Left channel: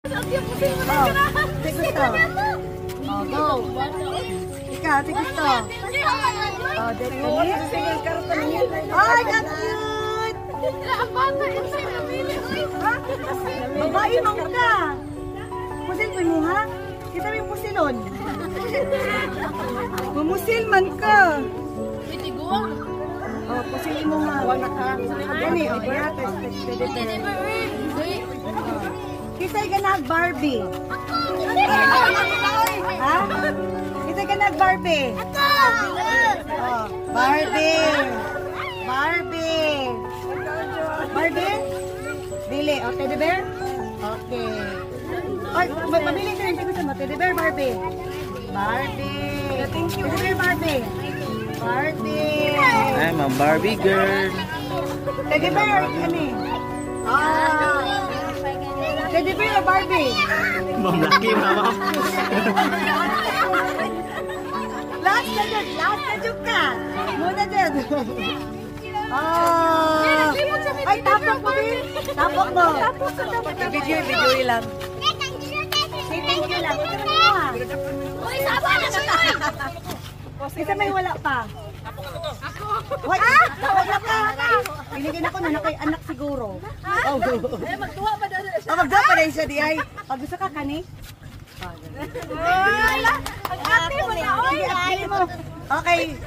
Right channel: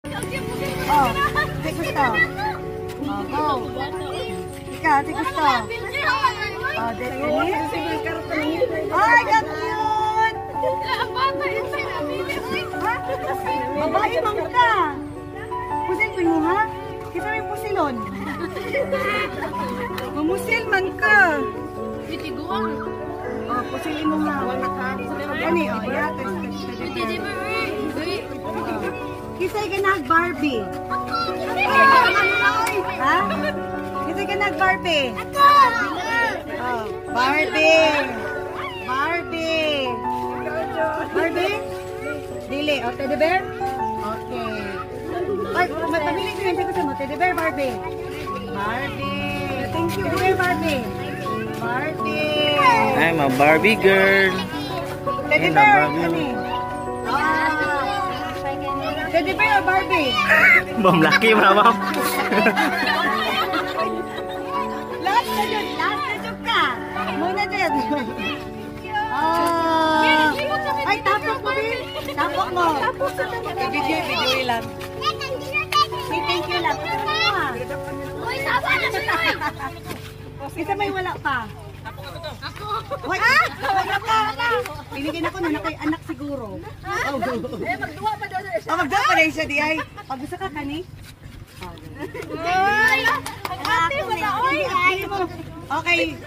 Oh, si gusto. Oh, go. Ikaw, si gusto. Oh, Destiny. Ay, ganun! Ha? Babae mong ka. Pusil ko mo, ha? Kita may pusilon. Mumusil man ka. Oh, pusilin mo nga. Gani, oh, yates. Kisay ka nag-Barbie. Ha? Kisay ka nag-Barbie. Oh, Barbie. Barbie. Barbie? Dili. Oh, teddy bear? Okay. Ay, may pamili ko yung gusto mo. Teddy bear, Barbie. Barbie. Thank you. Teddy bear, Barbie. Barbie. I'm a Barbie girl. Teddy bear, ano eh? Teddy bear o Barbie? Mamlaki, mama. Last na dyan ka. Muna dyan. Oh. Ay, tapok mo, Bill. Tapok mo. Video lang. Say thank you lang. Ito mo ha. Uy, sama na siya! Isa may wala pa. Ako. Wait, wala pa. Pinigyan ako na kay anak siguro. Magduwa pa daw siya. Magduwa pa rin siya di ay. Pag gusto ka kani? Ate mo na, oy! Okay.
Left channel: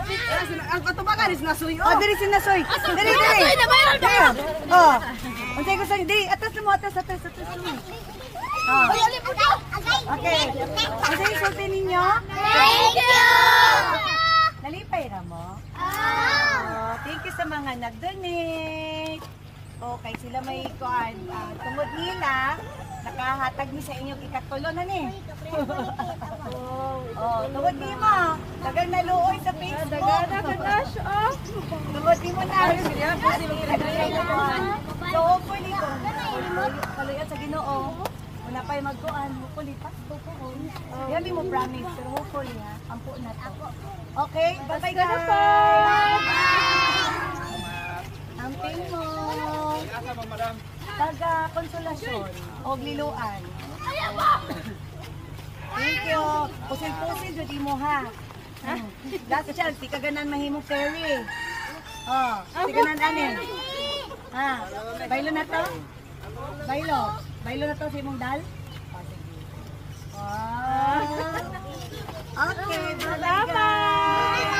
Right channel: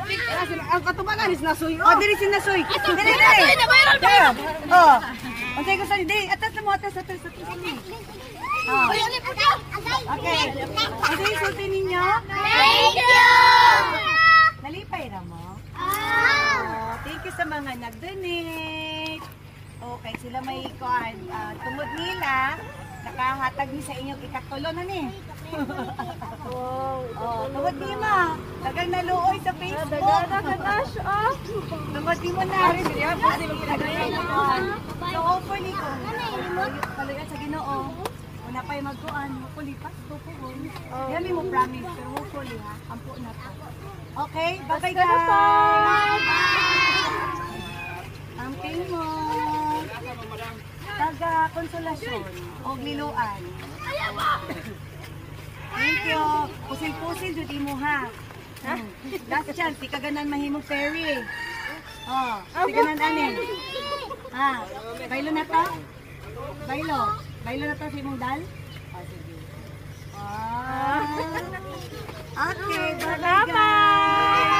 Ang katubagan is nasuy. Oh, dili si nasuy. Dili. Nasuy na mayroon ba? Oh. Ang kaya ko sa dili. Atas mo, atas. Oh. Uy, ulit po daw! Okay. Ang sa'yo sulti ninyo? Thank you! Nalipay na mo? Thank you sa mga nag-donate. Okay, sila may card. Tumod nila, nakahatag ni sa inyong ikatulo na ni. Tumod ni mo. Dagang naluoy sa Facebook. Dagan na ka na siya. Tumod ni mo na. So, hopefully, kaluyan sa Ginoo. Napay magkuan, hopefully, tupuon. Yan mo promise, pero hopefully ha, ampo na to. Okay, bye-bye guys! Amping mo! Taga-konsolasyon o Liloan. Thank you! Pusil-pusil, dudi mo ha. Last chance, di kaganan mahimong ferry. Oh, di kaganan anin. Ha, baylo na to? Baylo. Baylo na to si mong dal? Okay, salamat!